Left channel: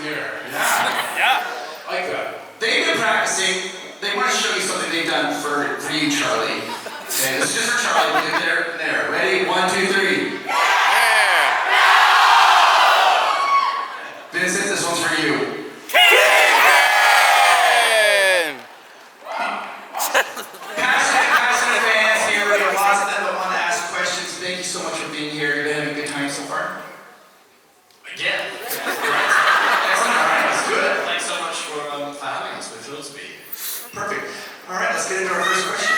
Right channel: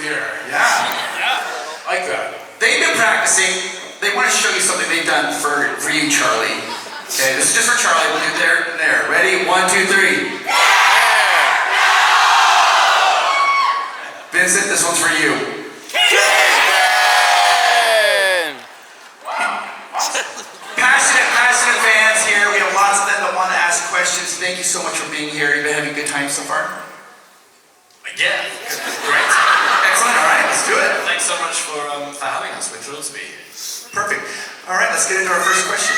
do here. Yeah. Like that. They've been practicing. They want to show you something they've done for you, Charlie. Okay, this is just for Charlie. We'll do there and there. Ready? 1, 2, 3. Yeah! Vincent, this one's for you. Kingpin! Passionate fans here. We have lots of them that want to ask questions. Thank you so much for being here. You've been having a good time so far? Yeah. Great. Excellent. All right, let's do it. Thanks so much for having us. We're thrilled to be here. Perfect. All right, let's get into our first question.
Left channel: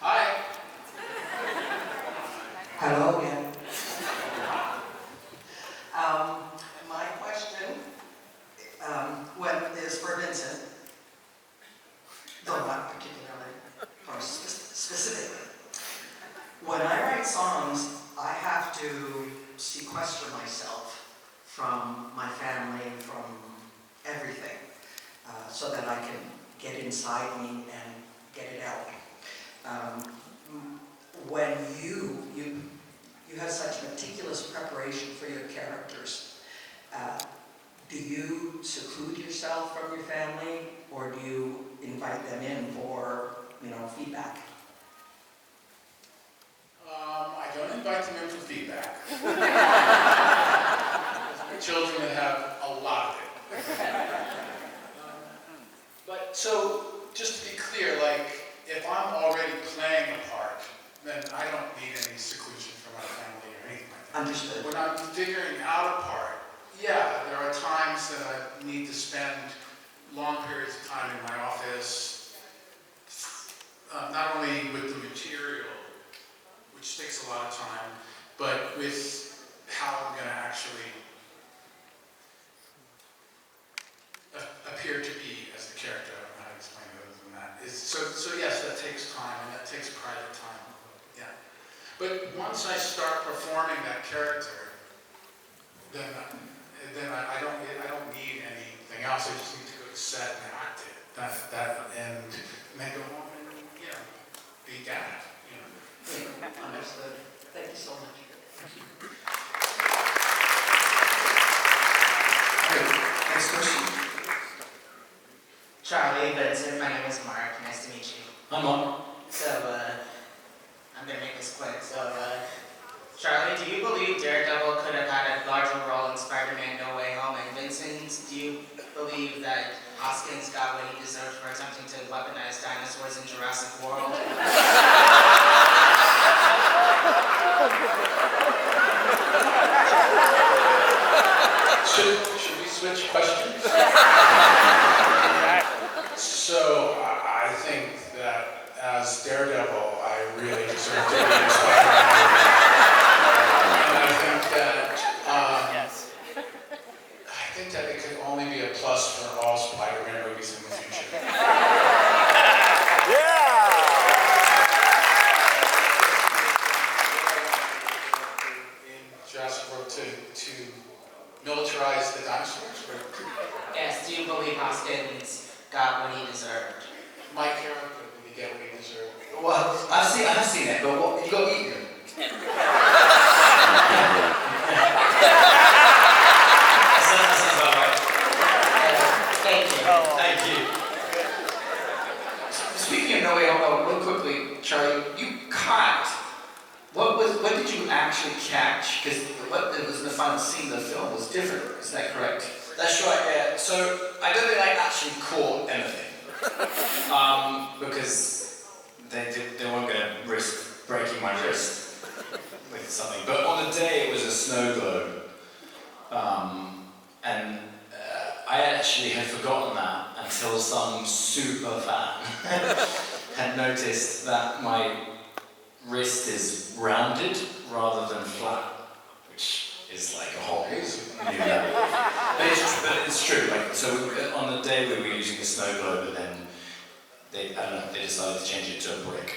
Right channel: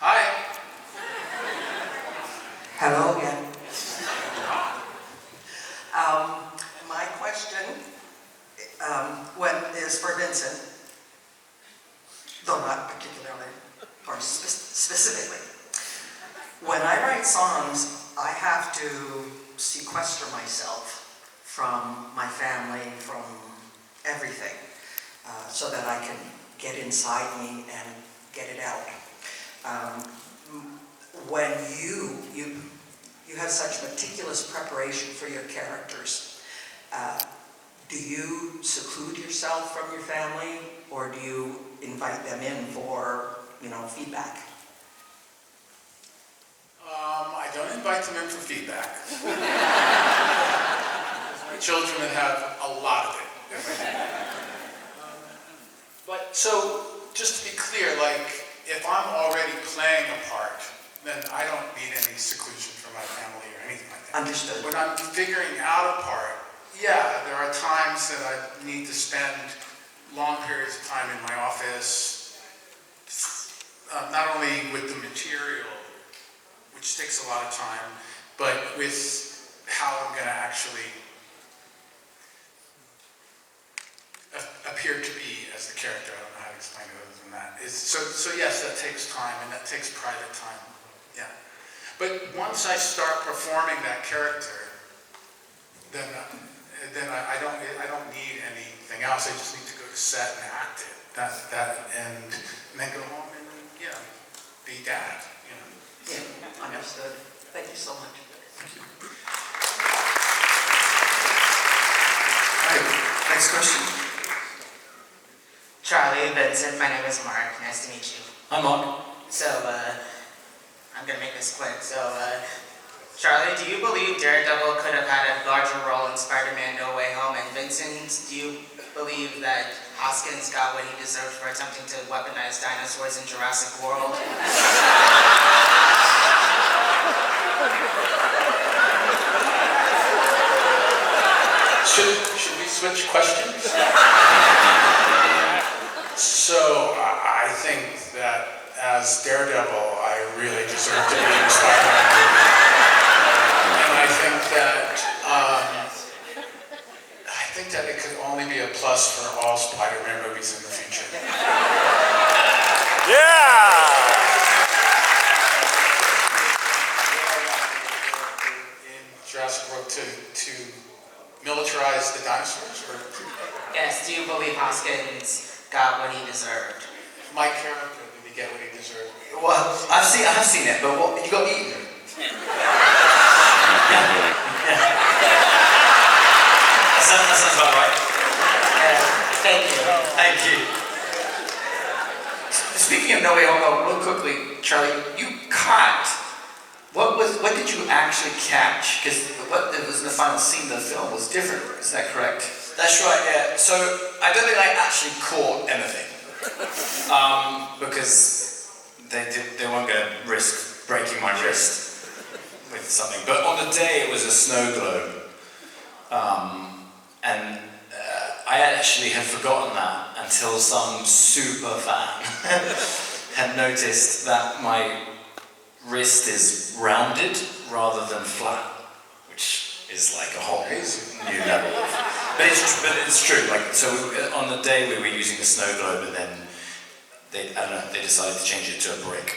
Hi. Hello again. My question is for Vincent, though not particularly, or specifically. When I write songs, I have to sequester myself from my family, from everything, so that I can get inside me and get it out. When you have such meticulous preparation for your characters, do you seclude yourself from your family, or do you invite them in for, feedback? I don't invite them in for feedback. Children that have a lot of it. But so, just to be clear, if I'm already playing a part, then I don't need any seclusion from my family or anything like that. Understood. When I'm figuring out a part, yeah, there are times that I need to spend long periods of time in my office, not only with the material, which takes a lot of time, but with how I'm going to actually appear to be as the character. I don't know how to explain it other than that. So yes, that takes time, and that takes private time. Yeah. But once I start performing that character, then I don't need anything else. I just need to go to set and act it. And then go home and be dad. Yeah, understood. Thank you so much. Thank you. Okay, next question. Charlie, Vincent, my name is Mark. Nice to meet you. Hi, Mark. So, I'm gonna make this quick. So, Charlie, do you believe Daredevil could have had a larger role in Spider-Man No Way Home? And Vincent, do you believe that Hoskins got what he deserved for attempting to weaponize dinosaurs in Jurassic World? Should we switch questions? So, I think that as Daredevil, I really deserve to be in Spider-Man movie. And I think that it could only be a plus for all Spider-Man movies in the future. Yeah! In Jurassic World to militarize the dinosaurs? Yes, do you believe Hoskins got what he deserved? My character, did he get what he deserved? Well, I have seen it, but what you got eaten? That sounds about right. Thank you. Thank you. Speaking of No Way Home, real quickly, Charlie, you caught. What did you actually catch? Because what was in the final scene of the film was different. Is that correct? That's right, yeah. So, I don't think I actually caught anything. Because they weren't going to risk breaking my wrist with something. But on the day, it was a snow globe. And I actually had forgotten that until some super fan had noticed that my wrist is rounded rather than flat, which is like a whole new level. But it's true. So on the day we were using the snow globe, but then they decided to change it to a brick.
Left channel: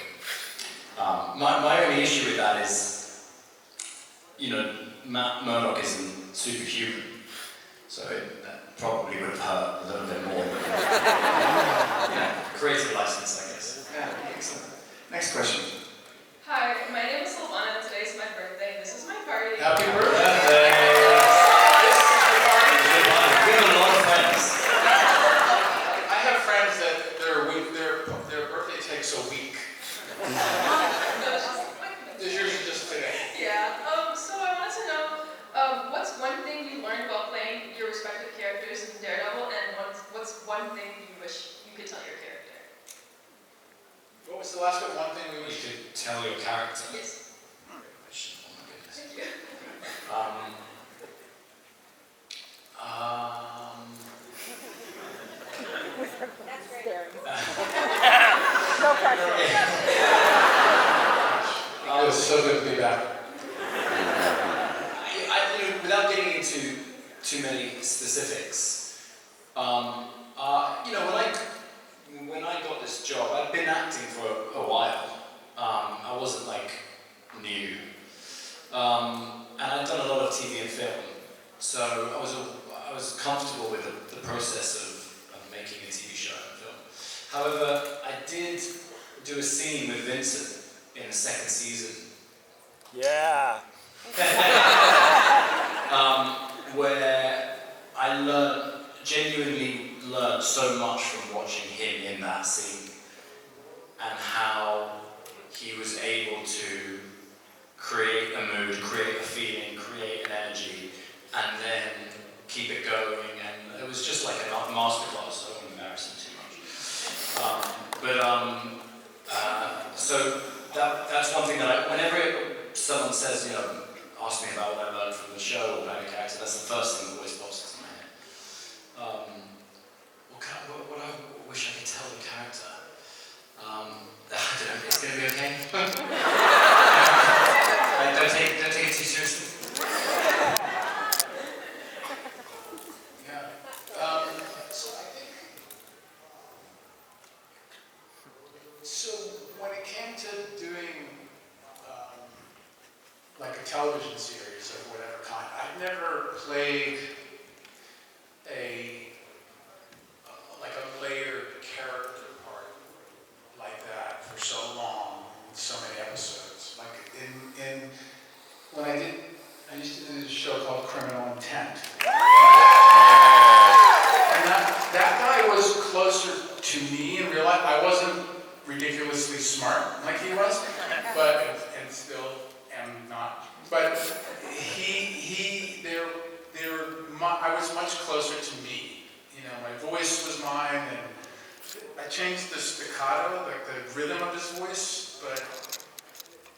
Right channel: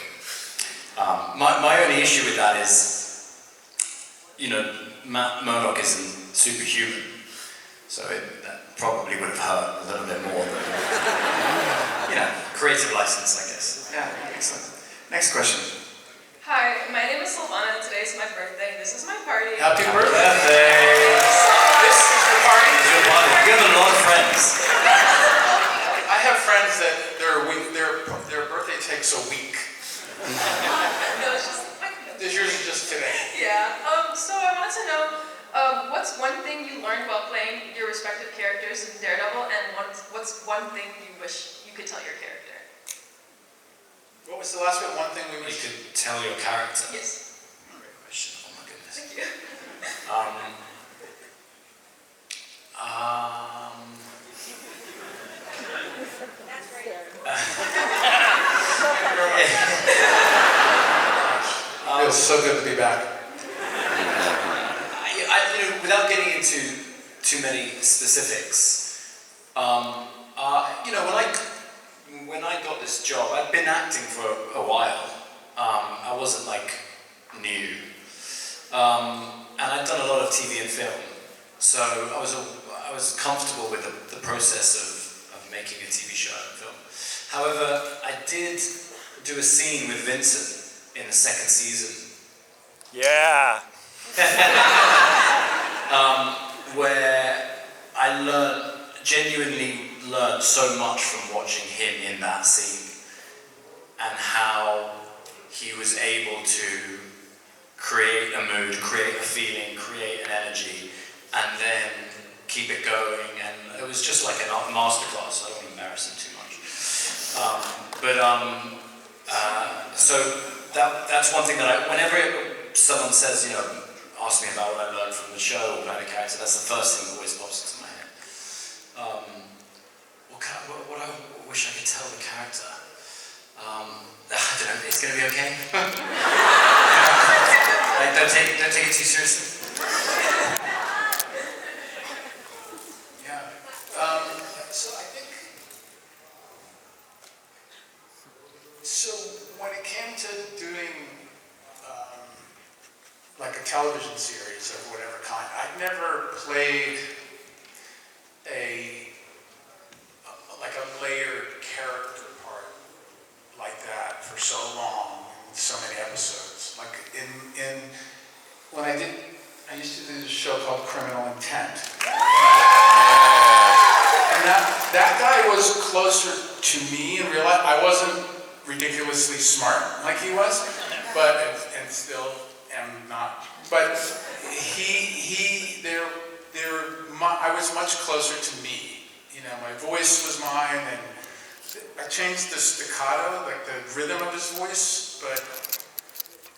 My only issue with that is, Matt Murdock isn't superhuman, so that probably would have hurt a little bit more than, creative license, I guess. Yeah, excellent. Next question. it's my birthday. This is my party. Happy birthday. This is the party. is your party. You have a lot of friends. I have friends that their birthday takes a week. No, it's just Yours is just today. yeah. So I wanted to know, what's one thing you learned while playing your respective characters in Daredevil, and what's one thing you wish you could tell your character? What was the last one? One thing we You wish to... could tell your character. Yes. Great question. Oh my goodness. Thank you. That's right. It was so good to be back. Without getting into too many specifics, when I got this job, I'd been acting for a while. I wasn't like new, and I'd done a lot of TV and film, so I was comfortable with the process of making a TV show and film. However, I did do a scene with Vincent in the second season. Yeah. Where I genuinely learned so much from watching him in that scene, and how he was able to create a mood, create a feeling, create an energy, and then keep it going. And it was just like a masterclass. I don't want to embarrass him too much. So that's one thing that whenever someone says, ask me about what I learned from the show or playing a character, that's the first thing that always pops into my head. What I wish I could tell the character? I don't know, it's going to be okay. Like, don't take it too seriously. Yeah. So I think... So when it came to doing like a television series of whatever kind, I'd never played a layered character part like that for so long, so many episodes. Like when I used to do this show called Criminal Intent. And that guy was closer to me in real life. I wasn't ridiculously smart like he was, and still am not. But I was much closer to me. My voice was mine, and I changed the staccato, like the rhythm of his voice, but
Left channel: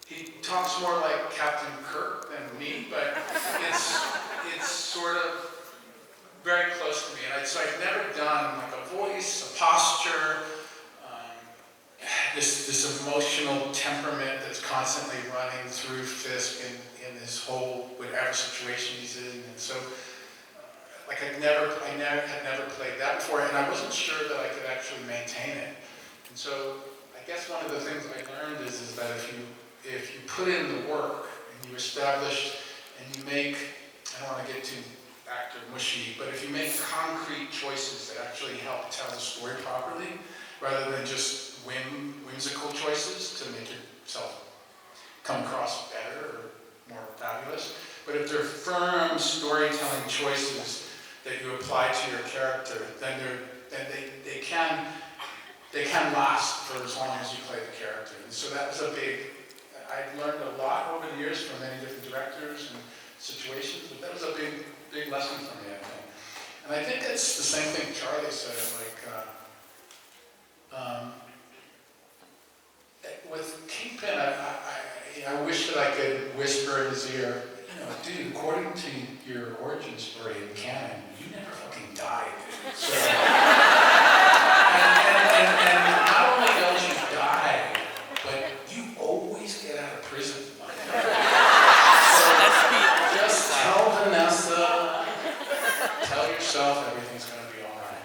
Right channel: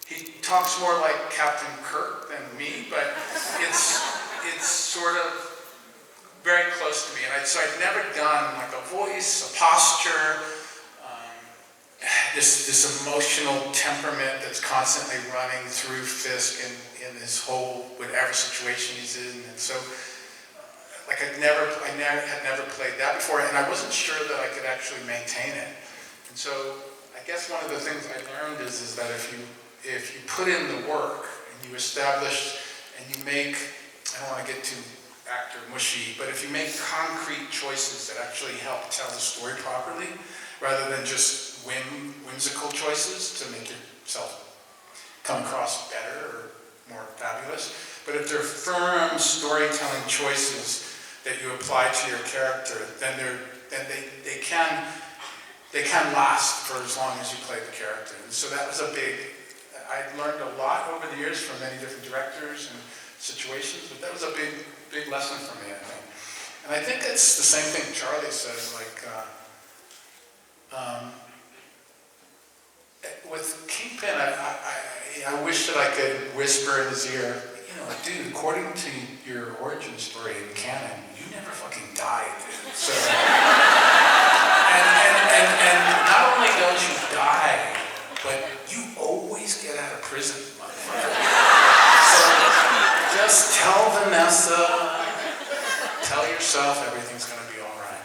he talks more like Captain Kirk than me, but it's sort of very close to me. And so I've never done like a voice, a posture, this emotional temperament that's constantly running through Fisk in his whole whatever situation he's in. And so like I had never played that before, and I wasn't sure that I could actually maintain it. And so I guess one of the things I learned is that if you put in the work and you establish and you make, I don't want to get too actor mushy, but if you make concrete choices that actually help tell the story properly, rather than just whimsical choices to make yourself come across better or more fabulous, but if they're firm storytelling choices that you apply to your character, then they can last for as long as you play the character. And so that was I learned a lot over the years from many different directors and situations, but that was a big lesson for me, I think. And I think it's the same thing Charlie said, with Kingpin, I wish that I could whisper in his ear, dude, according to your origin story in canon, you never fucking died. So, and not only don't you die, but you always get out of prison, motherfucker. So just tell Vanessa, tell yourself everything's gonna be all right.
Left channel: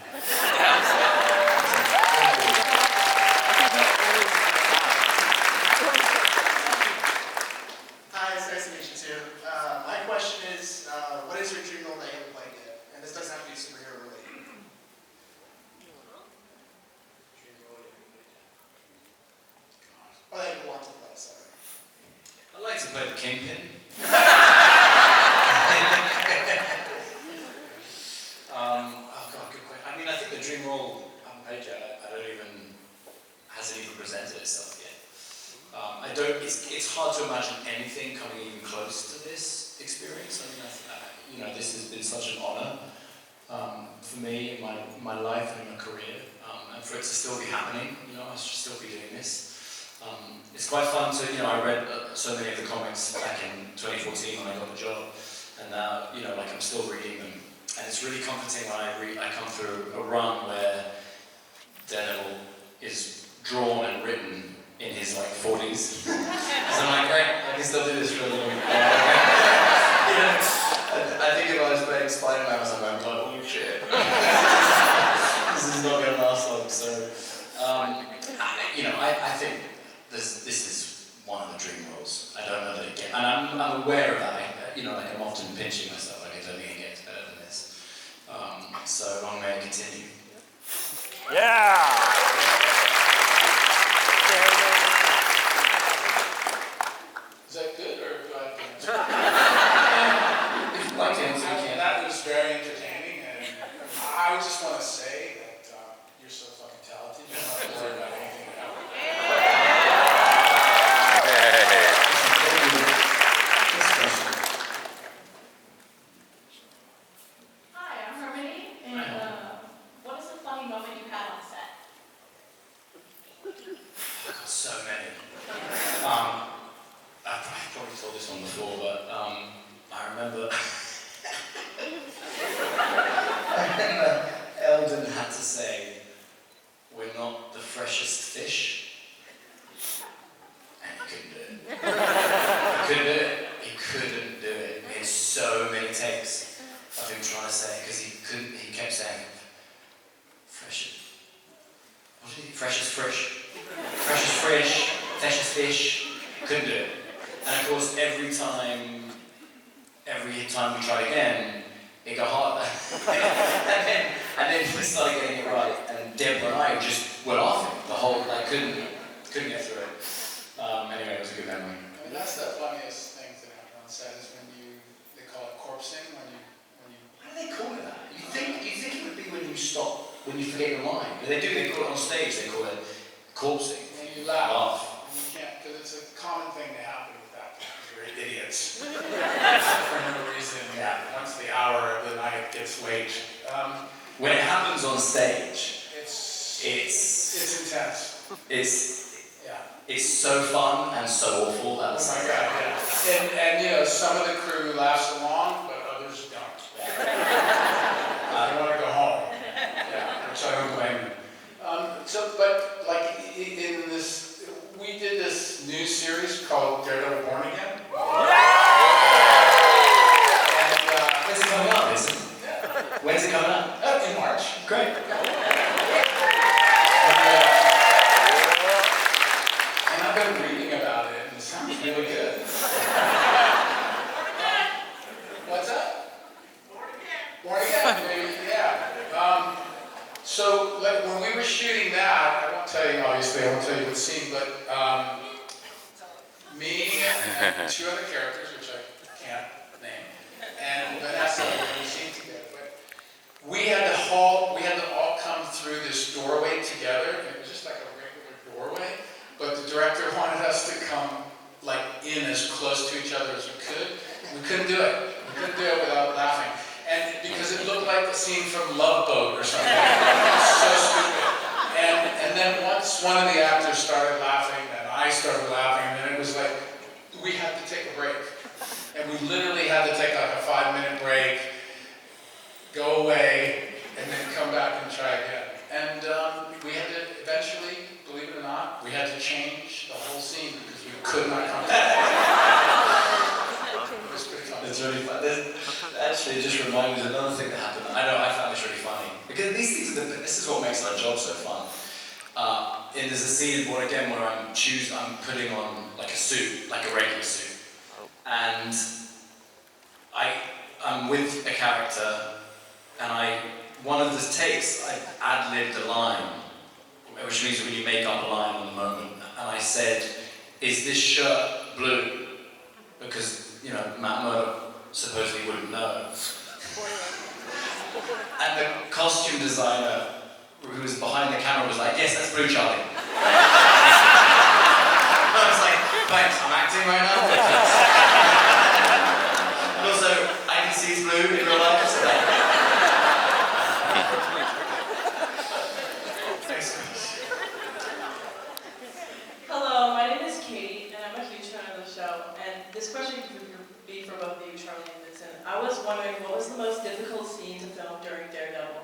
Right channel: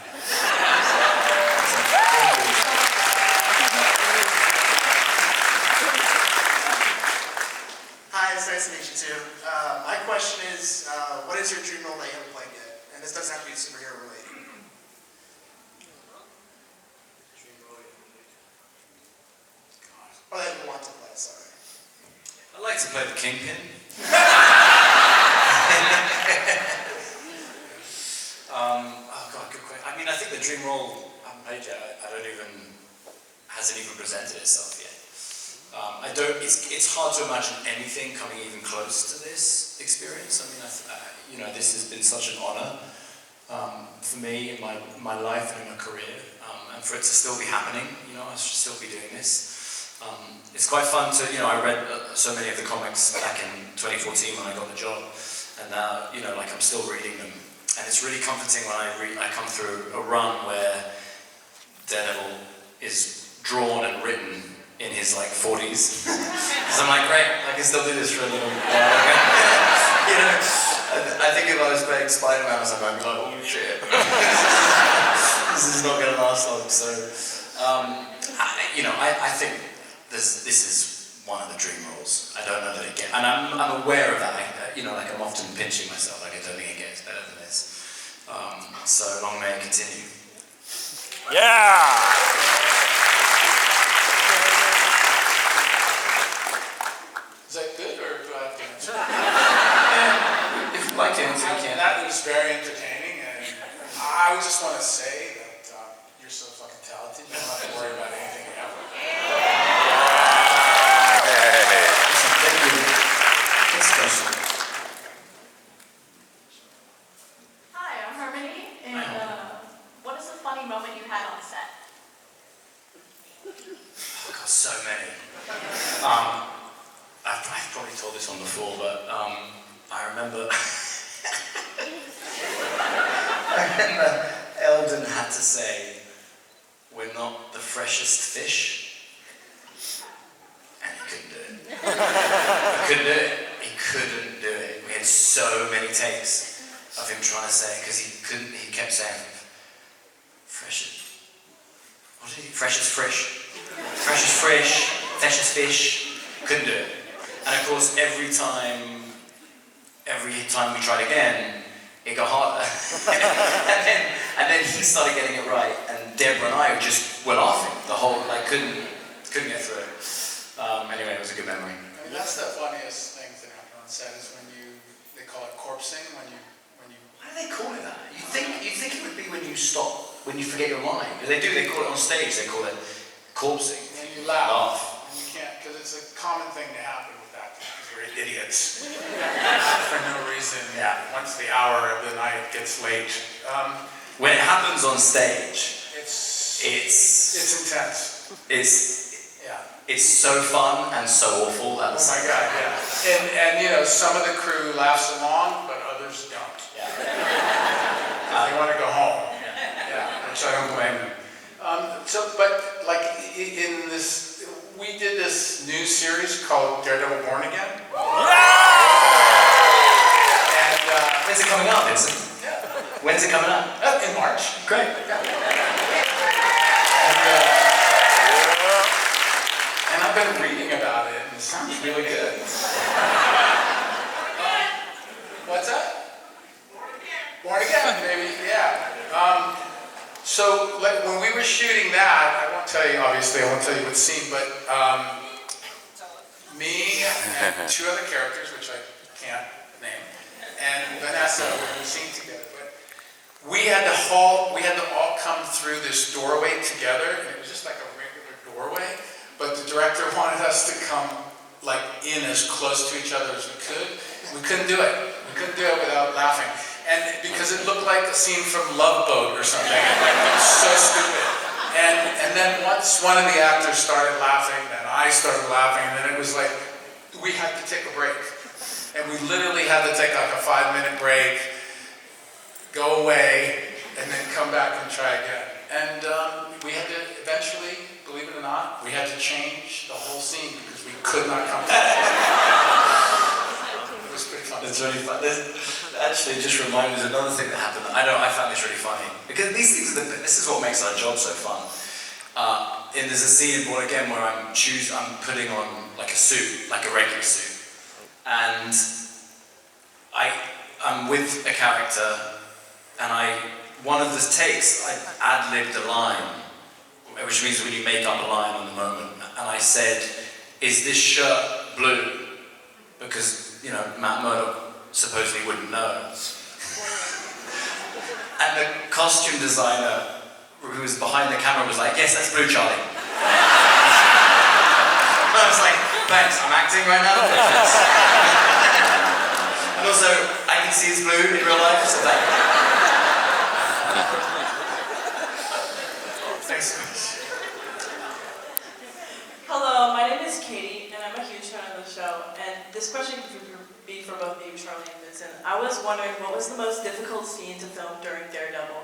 Hi, it's nice to meet you too. My question is, what is your dream role that you haven't played yet? And this doesn't have to be superhero related. Dream role. to play the Kingpin. Oh God, good question. I mean, I think the dream role, I haven't played yet. Hasn't even presented itself yet. It's hard to imagine anything coming even close to this experience. I mean, this has been such an honor for me in my life and in my career, and for it to still be happening. I should still be doing this. It's quite fun to, I read so many of the comics back in 2014 when I got the job, and now, I'm still reading them. And it's really comforting when I come through a run where Daredevil is drawn and written in his 40s. So I'm like, great, I can still do this for a little I think if I was playing Spider-Man or something, I'd be like, holy shit. This is not going to last long. So, I think this is one of the dream roles. I don't know that it gets, and I'm aware of that. I'm often pinching myself, I don't think it gets better than this. So long may it continue. Yeah! Is that good, or do I have to answer? If you'd like to answer, you can. That was very entertaining, and I would just want to say that you're so fucking talented, you don't have to worry about anything else. Hi, I'm Harmony, and what is a funny moment you had on set? I've got so many. I've probably told this on before, but I remember Eldon had to say, "We're not the freshest fish," and he couldn't do it. He couldn't do it. We had so many takes of him trying to say it because he kept saying, "Freshest." What did he? Freshest fish. Freshest fish. Freshest fish. Couldn't do it. And of course, every time we tried again, it got harder. and then he started getting it right, and Deborah and I just were laughing the whole, couldn't get through it. Anyway, it was a good memory. I mean, that's the funniest thing that happened on set is when they call it corpsing, when you. Why do they call it that? You think it would be when you stop, when you forget your line. They call it on stage, they call it corpsing. And you laugh. And you can't, because it's a common thing to happen with that, because you're idiots. For no reason. Yeah. Once the hour of the night gets late. When it happens on stage, It's intense. It's so fun and so awful at the Oh my same God, time. yeah. And some of the crew laughs along, but others don't. Yeah. They want to go home. Yeah, which I don't blame them. In this, we did this new series called Daredevil Born Again. And When's it coming out, Vincent? When's it coming out? in March. Great. And I've been reading about it, and it sounds really good. What's that? Born Again, baby, yeah. So when we were shooting that, I won't tell you what scene, but me and two other characters, which I can't name, and Vanessa were in the scene together. But we had to all come through this doorway together, and it was just like a regular doorway. But the director wanted us to come in as close to each other as we could. We couldn't do it. We couldn't do it without laughing. And because it looked like a scene from Love Boat or something. It was so stupid. And then once one of the actors started laughing, then I started laughing, and then it was like, we had to take a break. And we literally had to take a 5-minute break, go away, and then come back and try again. And we had to eventually, believe it or not, we had to change the whole scene because we could not come back. It was pretty fun. It's really fun. Actually, it just reminded me of another thing that happened. I found this really funny. Because these things this is what makes our job so fun. And there's a scene in Born Again where I'm putting on a suit, like a regular suit. And I'm with a character, and one of the takes, I ad-libbed a line, which means when you make up a line on the moment. And I said, "Is this shirt blue?" because, you know, Matt Murdock supposedly wouldn't know. And the costume designer who was behind the camera was like, yes, that's Blue Charlie. I was like, thanks, I'm acting right now. And also, I can see it's blue in real life, so thank you. Thanks so much. Hello, my name is Katie, and I'm a huge fan of the show. And this question could be for both you, Charlie and Vincent. I was wondering, what was the most difficult scene to film during Daredevil?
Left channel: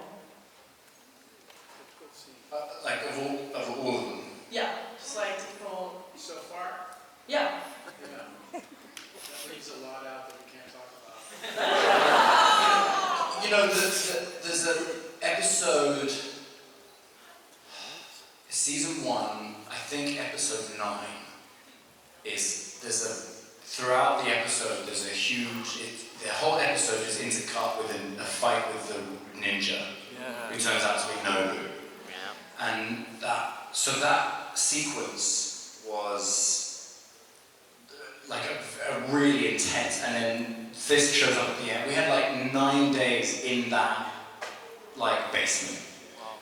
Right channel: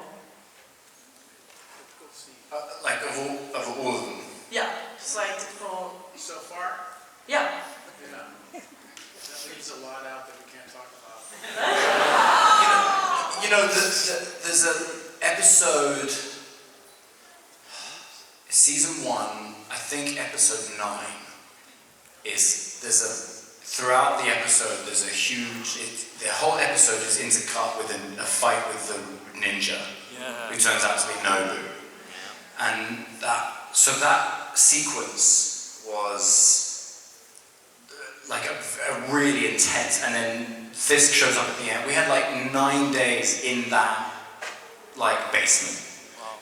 Like, of all of them? Yeah, just like to film. So far? Yeah. Yeah. That leaves a lot out that we can't talk about. You know, there's an episode, season 1, I think episode 9, throughout the episode, there's a huge, the whole episode is intercut with a fight with the ninja, who turns out to be Nobu. And that sequence was like a really intense, and then Fisk shows up at the end. We had like 9 days in that like basement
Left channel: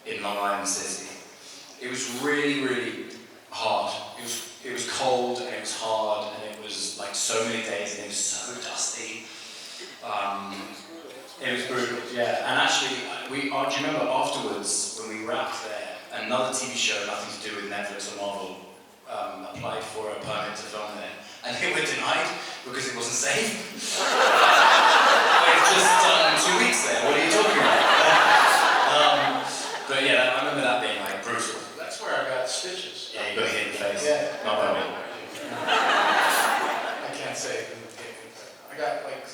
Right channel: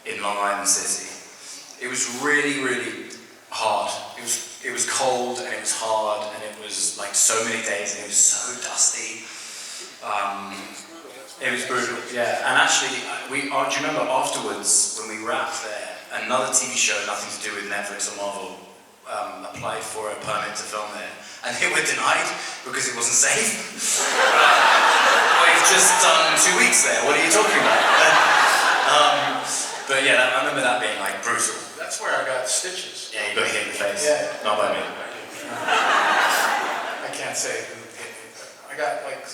in Long Island City. It was really, really hard. It was cold and it was hard and it was like so many days and it was so dusty. It was brutal, yeah. And actually, do you remember afterwards when we wrapped there, another TV show, nothing to do with Netflix or Marvel, applied for a permit to film there. And they were denied because it wasn't safe. We've just done 2 weeks there, what are you talking about? But yeah, I remember that being like brutal. That's where I got stitches. Yeah, you got hit in the face. Yeah. Not by me. I can't say who hit me, but I got like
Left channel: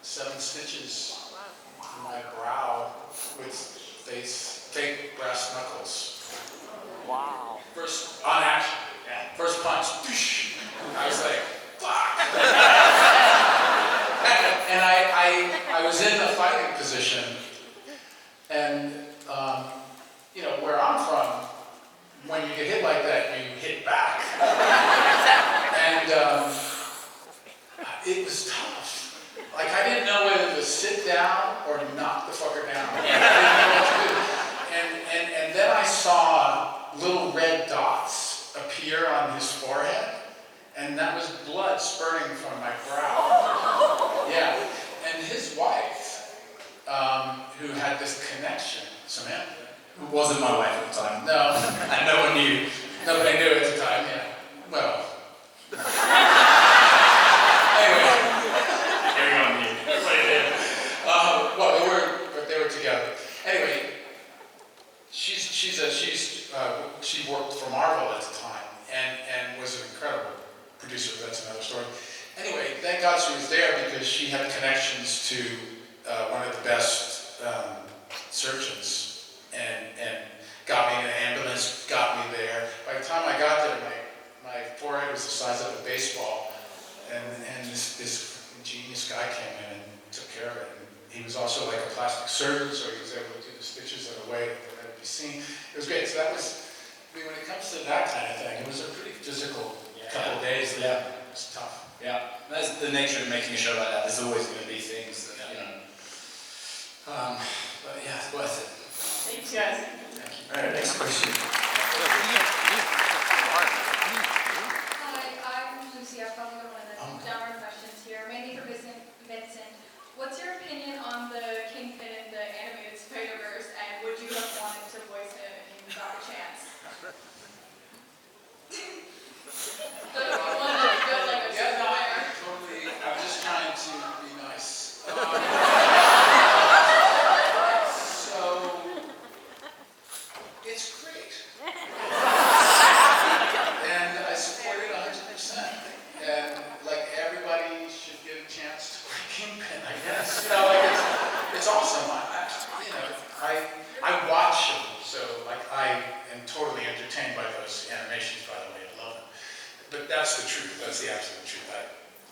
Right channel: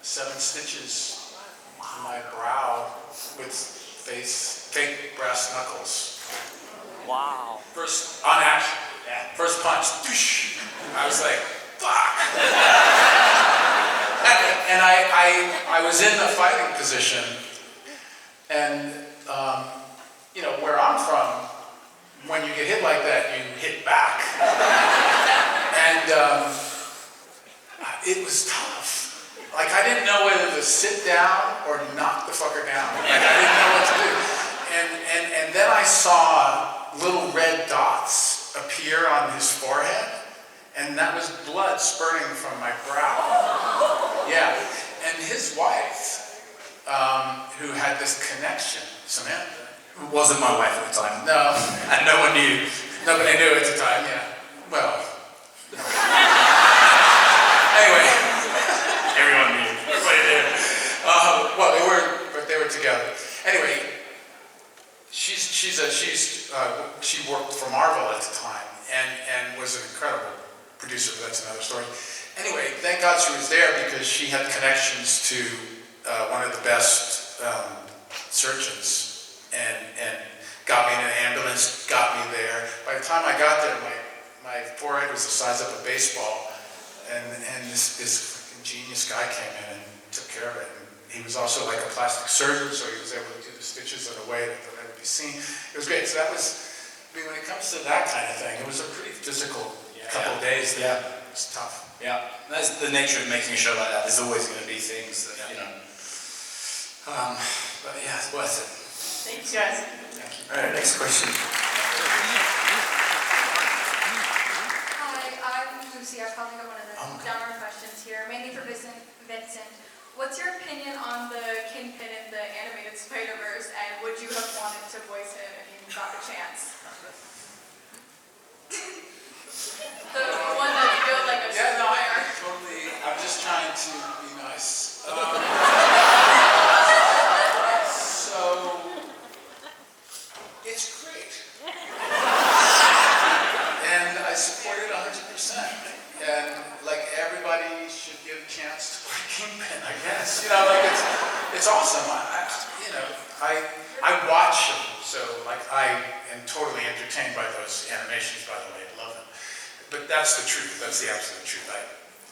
7 stitches in my brow with fake brass knuckles. Wow. First, on action. Yeah. First punch. Doosh. I was like, fuck. And I was in the fighting position, and you know, where I'm from, when you get hit like that, you hit back. And it was tough. Like, I didn't know whether to sit down or knock the fucker down. I didn't know what to do. And then I saw little red dots appear on his forehead, and that was blood spurting from my brow. Yeah. And his wife, who had this connection, Samantha. Who wasn't my wife at the time. No. And no one knew. Nobody knew at the time, yeah. Well. Anyway. Everyone knew. Well, they were together. Anyway, she worked for Marvel at the time and was an incredible producer, but that's another story. Anyway, thank God she was there because she had connections to one of the best surgeons and got me in an ambulance, got me there. By the time I got there, my forehead was the size of a baseball, and this genius guy came in and took care of it. And he was also like a plastic surgeon, so he was able to do the stitches in a way that they'll never be seen. It was great. So that was, I mean, when it comes to that kind of thing, it was a pretty physical couple of days there. It was tough. Yeah, that's the nature of making a show like that. There's always going to be things that, you know. But yeah, it's worth it. Thanks, guys. Thank you. All right, next question. Hi, I'm Lucy. I probably got one of the downward questions here, mainly for Vincent. What's your opinion on the Kingpin in the animated Spider-Verse, and would you have wanted to voice him if you got the chance? The one that built like a wire. Totally. I'm just trying to be nice. So, it's great. And I support it 100%. And like everybody should give a chance to play Kingpin, I guess. You know, like it's awesome. I watch them, so like I am totally entertained by those animations, by the way. I love them. But that's the truth. That's the absolute truth.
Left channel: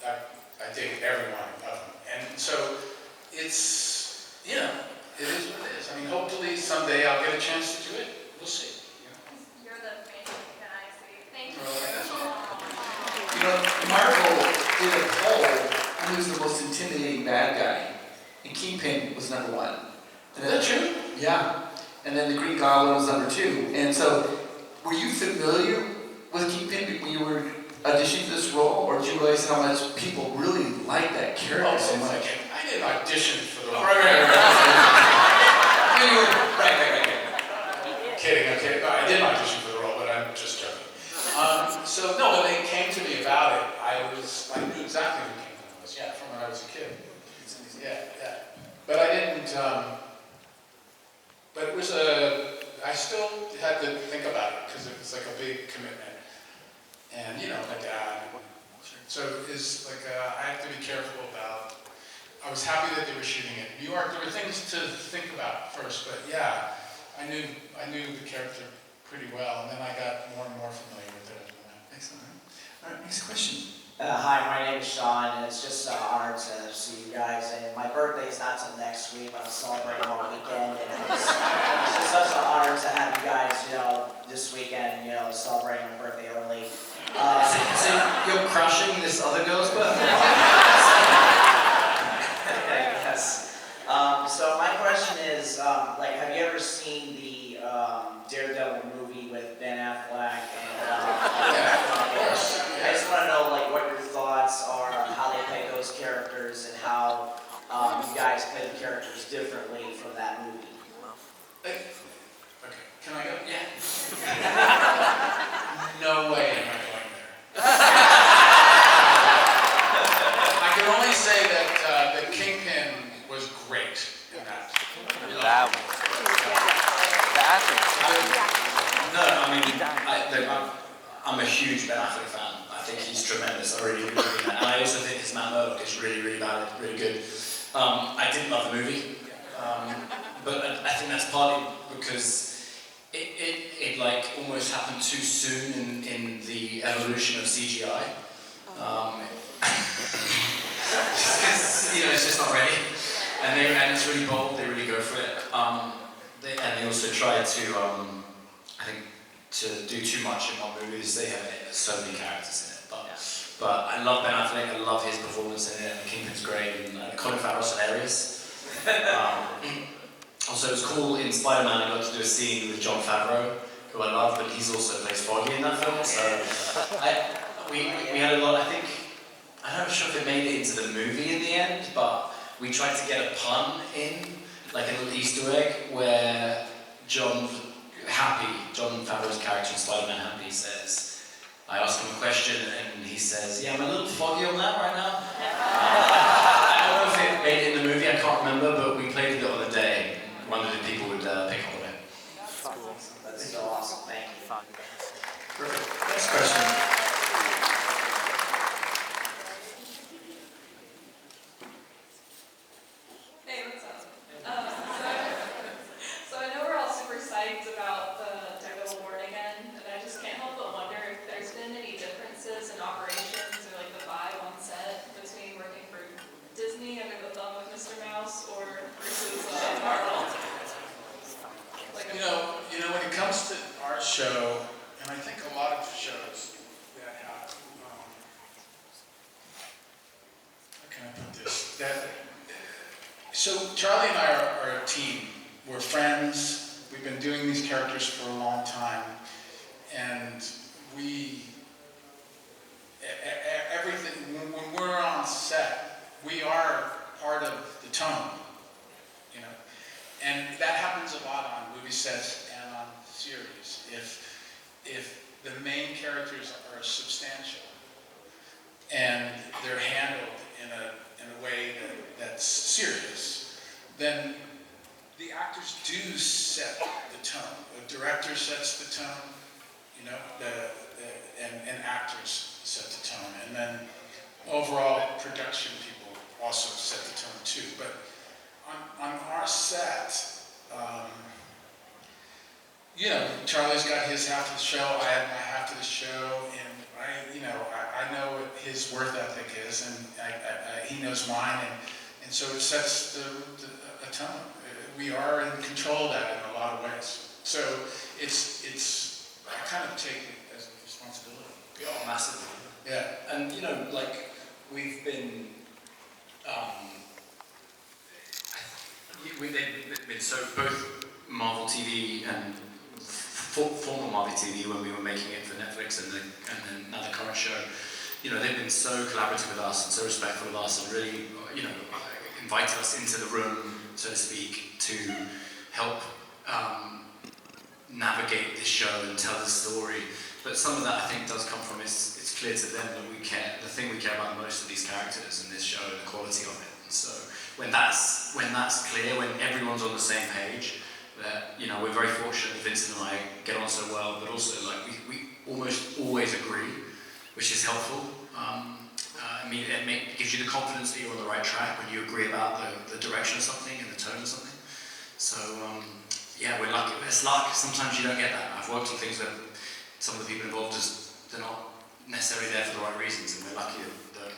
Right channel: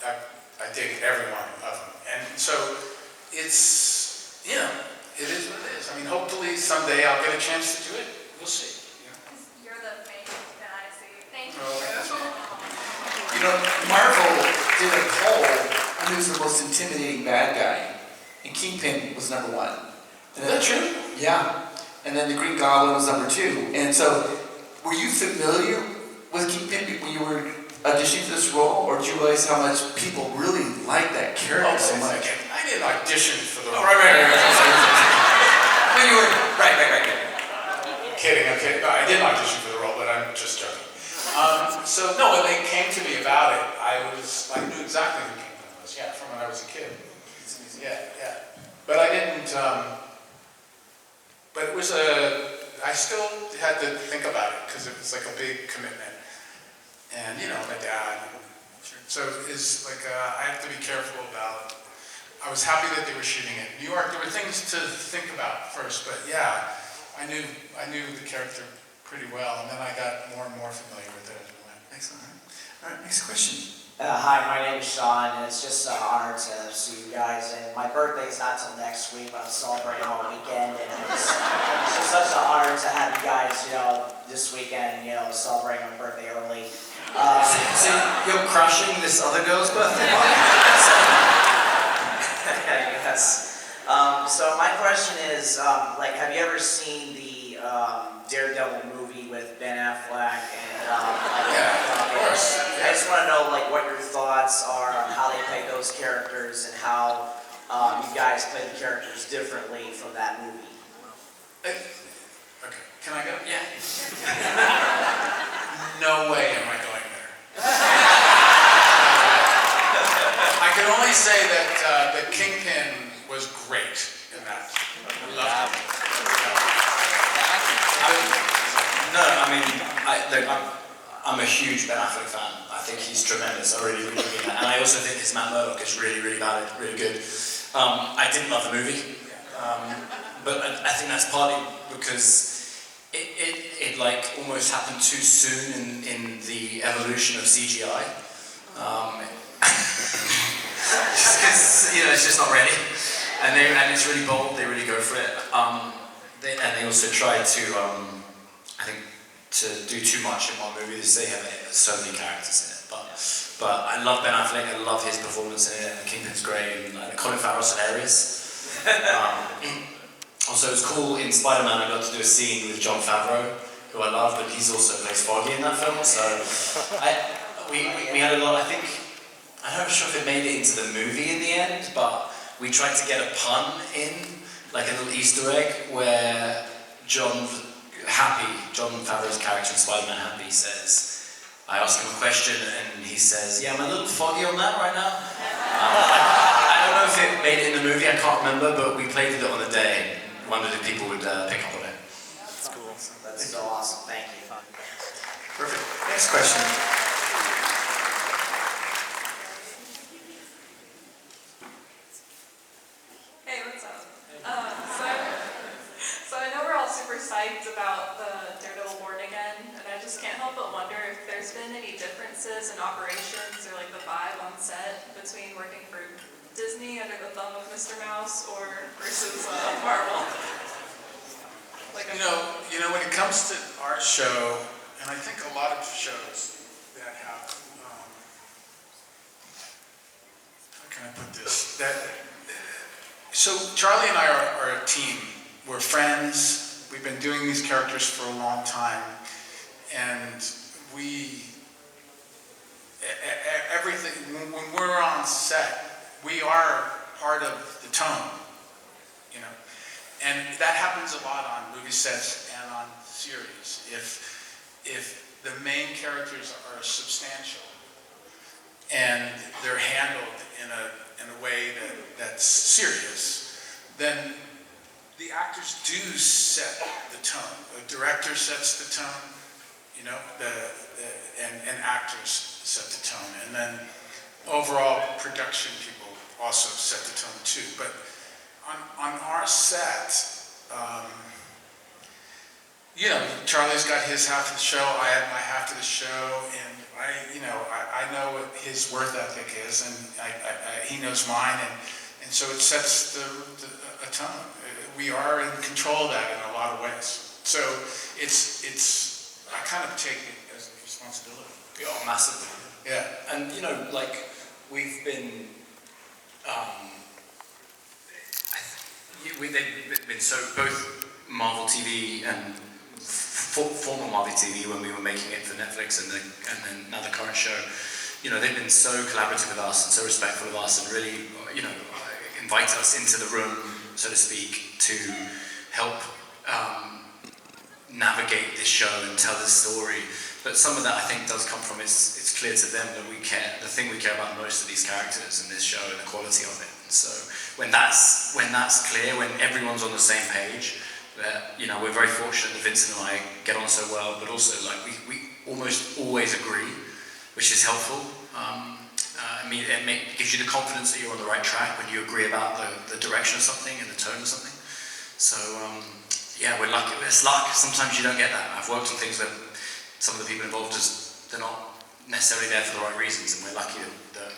I dig every one of them. And so it's, you know, it is what it is. I mean, hopefully someday I'll get a chance to do it. We'll see. You know? You're the main Kingpin, I see. Thank you. Oh, that's so much. You Marvel did a poll on who's the most intimidating bad guy, and Kingpin was number one. Is that true? Yeah. And then the Green Goblin was number two. And so, were you familiar with Kingpin when you were auditioning for this role, or did you realize how much people really like that character so much? I didn't audition for the role. Right. When you were, right. Kidding, okay. No, I didn't audition for the role, but I'm just joking. So no, when they came to me about it, I knew exactly who Kingpin was, yeah, from when I was a kid. Yeah. But I didn't, but it was I still had to think about it, because it was like a big commitment. And, my dad. So it's like, I have to be careful about, I was happy that they were shooting it in New York. There were things to think about first, but yeah, I knew the character pretty well, and then I got more and more familiar with it. Excellent. All right, next question. Hi, my name is Sean, and it's just an honor to see you guys. And my birthday's not till next week, but I'm celebrating all weekend, and it's just such an honor to have you guys, this weekend, celebrating my birthday early. So you're crushing this other girl's birthday? Yes. So my question is, have you ever seen the Daredevil movie with Ben Affleck? And Yeah, of course. I just want to know, what your thoughts are on how they play those characters and how you guys play the characters differently from that movie. Okay, can I go? Yeah. No way am I going there. I can only say that Kingpin was great in that. I'm a huge Ben Affleck fan. I think he's tremendous. I really, really mean that. And I also think his Matt Murdock is really, really valid, really good. I didn't love the movie, but I think that's partly because it almost happened too soon in the evolution of CGI. Just because it's just not ready, and it's really bold. They really go for it. They also try to I think to do too much in one movie. They have so many characters in it, but I love Ben Affleck. I love his performance in it, and Kingpin's great, and Colin Farrell's hilarious. Also, it was cool in Spider-Man. I got to do a scene with Jon Favreau, who I love, but he's also plays Foggy in that film. So we had a lot. I'm not sure if it made it into the movie in the end, but we tried to get a pun in, like a little Easter egg, where Jon Favreau's character in Spider-Man Happy says, I ask him a question and he says, yeah, I'm a little foggy on that right now. I don't know if it made it in the movie, I can't remember, but we played with it on the day. Wondered if people would pick up on it. That's cool. That's so awesome. Thank you. Perfect. Next question. Hey, what's up? So I know we're all super psyched about the Daredevil Born Again, and I just can't help but wonder if there's been any differences in operations or the vibe on set between working for Disney under the thumb of Mr. Mouse or versus Marvel. When it comes to our show, and I think a lot of shows that have, how can I put this? So Charlie and I are a team. We're friends. We've been doing these characters for a long time, and everything. When we're on set, we are part of the tone, and that happens a lot on movie sets and on series. If the main characters are substantial and they're handled in a way that's serious, then the actors do set the tone. The director sets the tone, and actors set the tone, and then overall production people also set the tone too. But on our set, Charlie's got his half of the show, I have my half of the show, and I know what his work ethic is, and he knows mine, and so it sets a tone. We are in control of that in a lot of ways. So I kind of take it as a responsibility. Oh, massively. Yeah. And you know, like we've been, they've been so both Marvel TV and former Marvel TV when we were making it for Netflix, and then now the current show. You know, they've been so collaborative with us and so respectful of us, and really, you know, invite us into the room, so to speak, to help navigate this show and tell this story. But some of that, I think, does come from it's clear to them that we care. The thing we care about most are these characters in this show and the quality of it. And so when that's clear, when everyone's on the same page, that, you know, we're very fortunate that Vincent and I get on so well, but also like we almost always agree, which is helpful. I mean, it gives you the confidence that you're on the right track when you agree about the direction of something and the tone of something. So yeah, we're lucky. It's luck. Sometimes you don't get that. I've worked on things where some of the people involved they're not necessarily there for the right reasons, and we're lucky that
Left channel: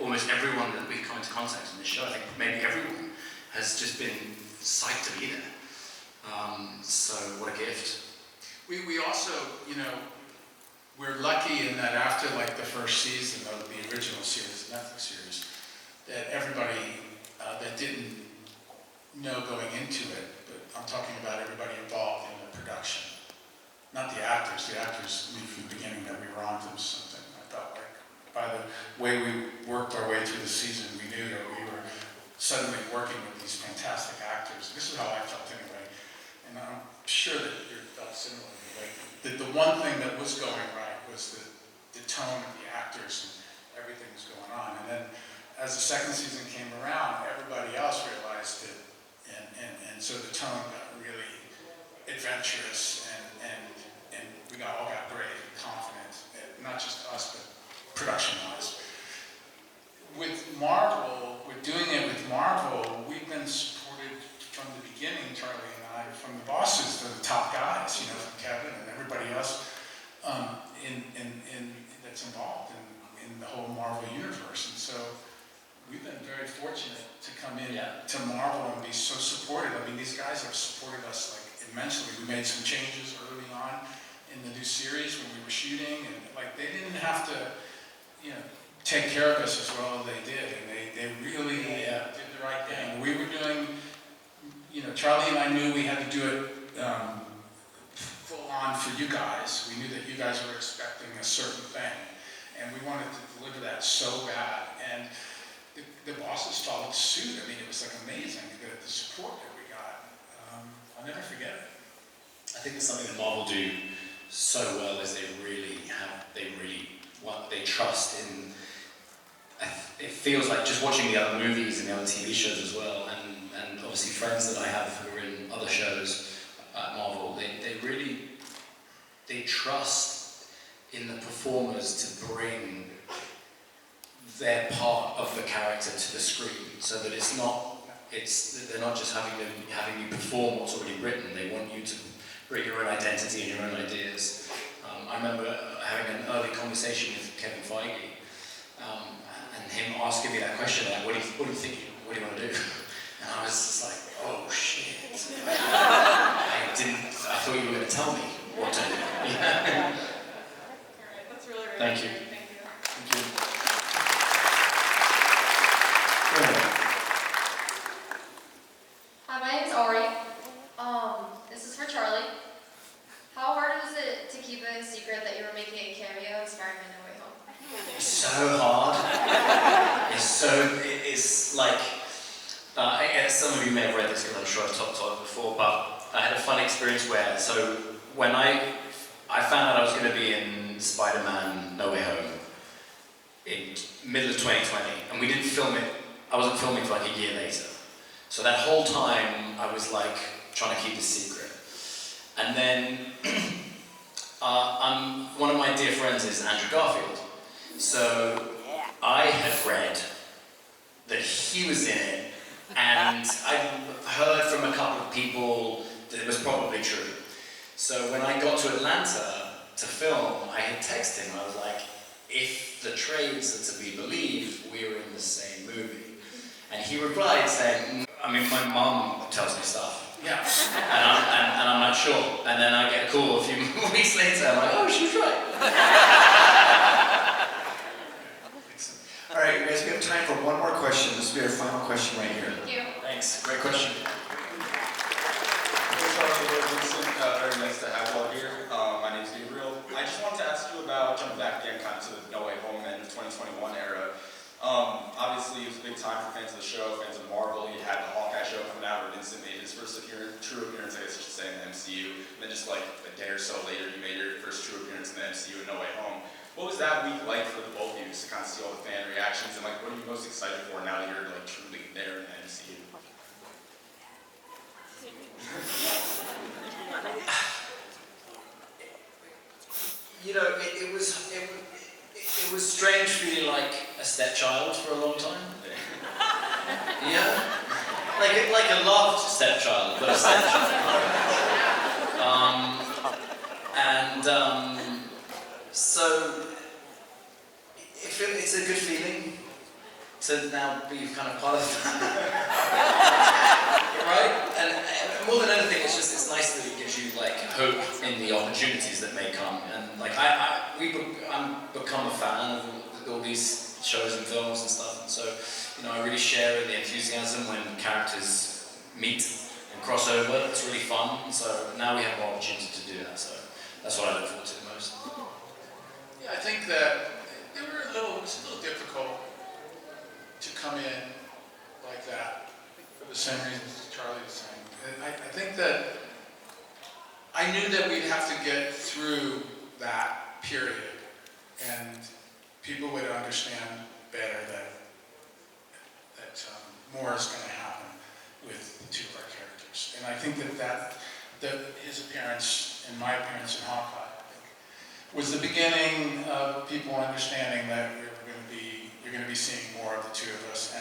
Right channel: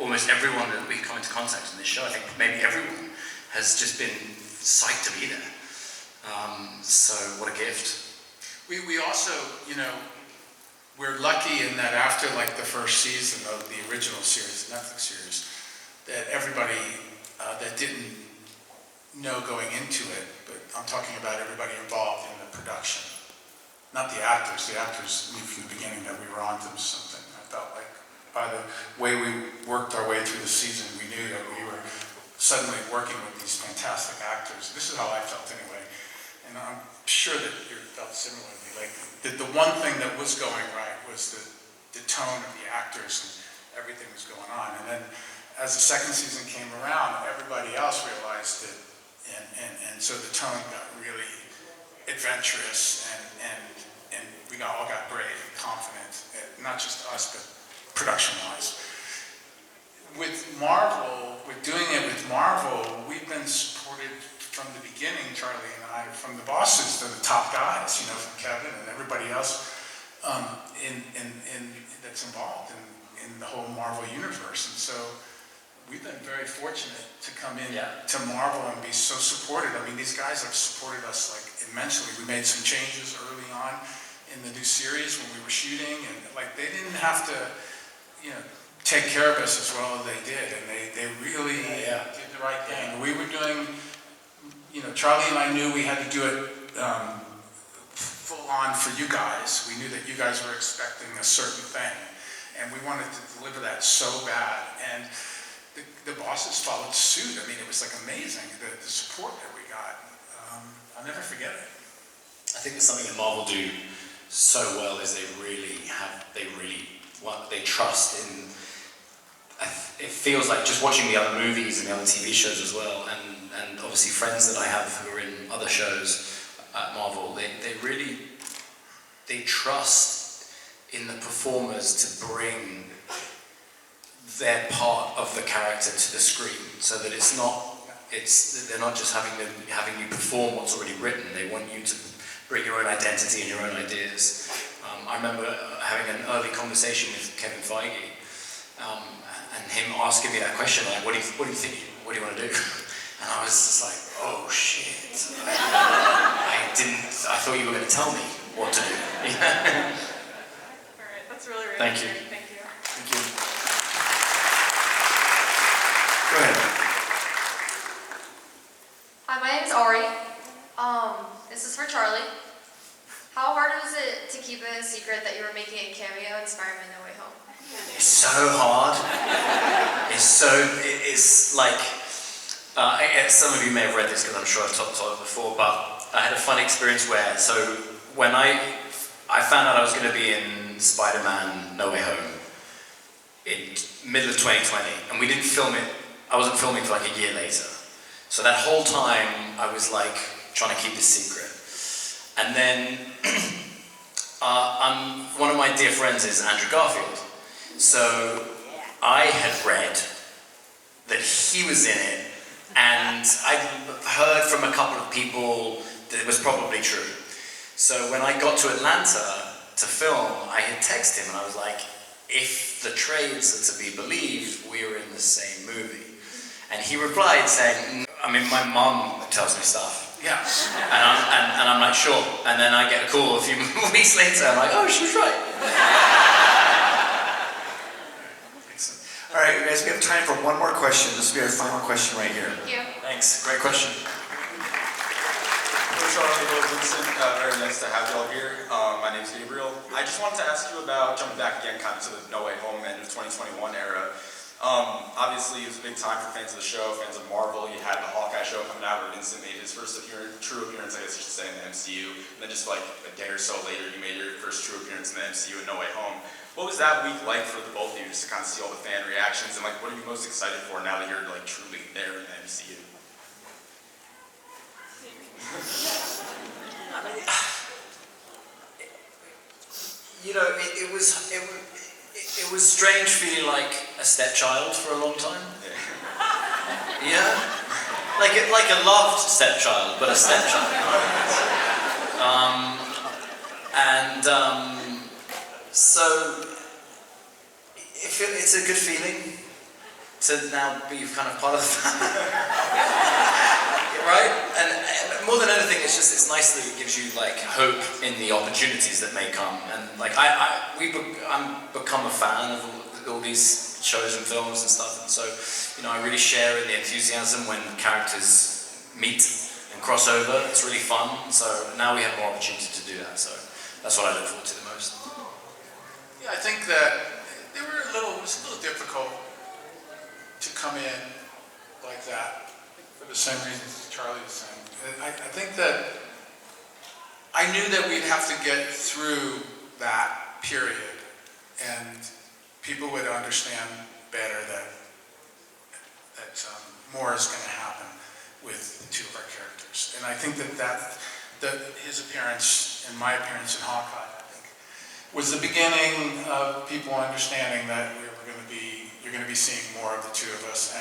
almost everyone that we come into contact in this show, I think maybe everyone, has just been psyched to be there. So what a gift. We also, you know, we're lucky in that after like the first season of the original series, the Netflix series, that everybody that didn't know going into it, but I'm talking about everybody involved in the production. Not the actors. The actors knew from the beginning that we were onto something. I felt like by the way we worked our way through the season, we knew that we were suddenly working with these fantastic actors. This is how I felt anyway. And I'm sure that you felt similarly. Like the one thing that was going right was the tone of the actors and everything was going on. And then as the second season came around, everybody else realized it. And so the tone got really adventurous and we all got brave and confident, not just us, but production-wise. With Marvel, with doing it with Marvel, we've been supported from the beginning, Charlie and I, from the bosses to the top guys, you know, from Kevin and everybody else that's involved in the whole Marvel universe. And so we've been very fortunate to come in to Marvel and be so supported. I mean, these guys have supported us like immensely. We made some changes early on in the new series when we were shooting, and like they didn't have to, you know, take care of us as well as they did, and they really did the right thing. We were doing, you know, Charlie and I knew we had to do it full on for you guys. We knew that you guys were expecting a certain thing, and we wanted to deliver that so bad. And the bosses followed suit. I mean, it was like amazing, the support that we got. I'll never forget it. I think there's something that Marvel do so well is they trust in. It feels like just watching the other movies and the other TV shows as well, and obviously friends that I have who are in other shows at Marvel, they trust in the performers to bring their part of the character to the screen, so that they're not just having you perform what's already written. They want you to bring your own identity and your own ideas. I remember having an early conversation with Kevin Feige, and him asking me that question, like, what do you think? What do you want to do? And I was just like, oh shit. I thought you were going to tell me what to do. All right, that's really, really Thank you. great. Thank you. Thank you. Go ahead. Hi, my name's Ari. This is for Charlie. How hard was it to keep it a secret that you were making a cameo in Spider-Man No Way Home? It's so hard. It's like, some of you may have read this because I'm sure I've talked about it before, but I had a fun experience when I found out I was going to be in Spider-Man No Way Home in middle of 2020, and we didn't film it, I wasn't filming for like a year later. So that whole time I was like trying to keep this secret. And then one of my dear friends is Andrew Garfield. So I had read that he was in it, and I heard from a couple of people that it was probably true. So when I got to Atlanta to film, I had texted him and I was like, if the trades are to be believed, we were in the same movie. And he replied saying, I mean, my mum tells me stuff. Yeah. And I'm not sure. And then I get a call a few weeks later, I'm like, oh, she's right. Guys, we have time for one more question. This will be our final question right here. Thank you. Thanks. Great question. Vincent, very nice to have you all here. My name is Gabriel. I just wanted to ask you about jumping back again kind of to the No Way Home and the 2021 era. Obviously, it was a big time for fans of the show, fans of Marvel. You had the Hawkeye show coming out where Vincent made his first true appearance, I guess I should say, in the MCU. And then just like a day or so later, you made your first true appearance in the MCU in No Way Home. What was that week like for the both of you, just to kind of see all the fan reactions, and like, what are you most excited for now that you're like truly there in the MCU? You know, it was strange feeling like a stepchild for a long time. Yeah, like a loved stepchild, but a stepchild. So it's a good feeling to now be kind of part of the family, right? And more than anything, it's nice that it gives you like hope in the opportunities that may come. And like I'm become a fan of all these shows and films and stuff. And so, you know, I really share in the enthusiasm when characters meet and cross over. It's really fun. So now we have more opportunity to do that. So that's what I look forward to the most. Yeah, I think that it was a little difficult to come in like that for the same reasons Charlie was saying. I think that I knew that we'd have to get through that period and people would understand better that more is going to happen with the two of our characters. And I think that his appearance and my appearance in Hawkeye, I think, was the beginning of people understanding that we're going to be seeing more of the two of us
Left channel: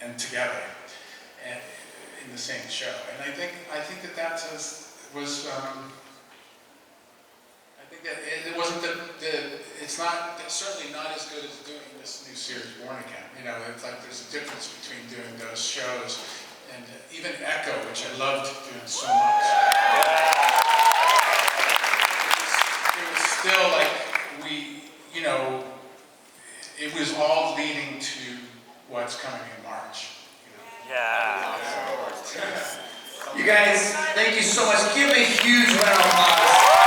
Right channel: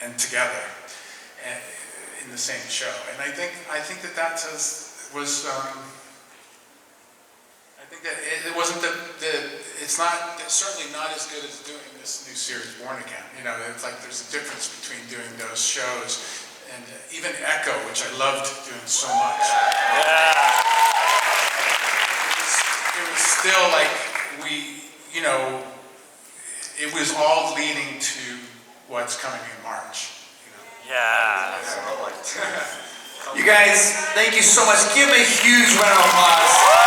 and together in the same show. And I think that was I think that it wasn't it's not certainly not as good as doing this new series Born Again. You know, it's like there's a difference between doing those shows and even Echo, which I loved doing so much. It was still like it was all leading to what's coming in March. Yeah. You guys, thank you so much. Give a huge round of applause.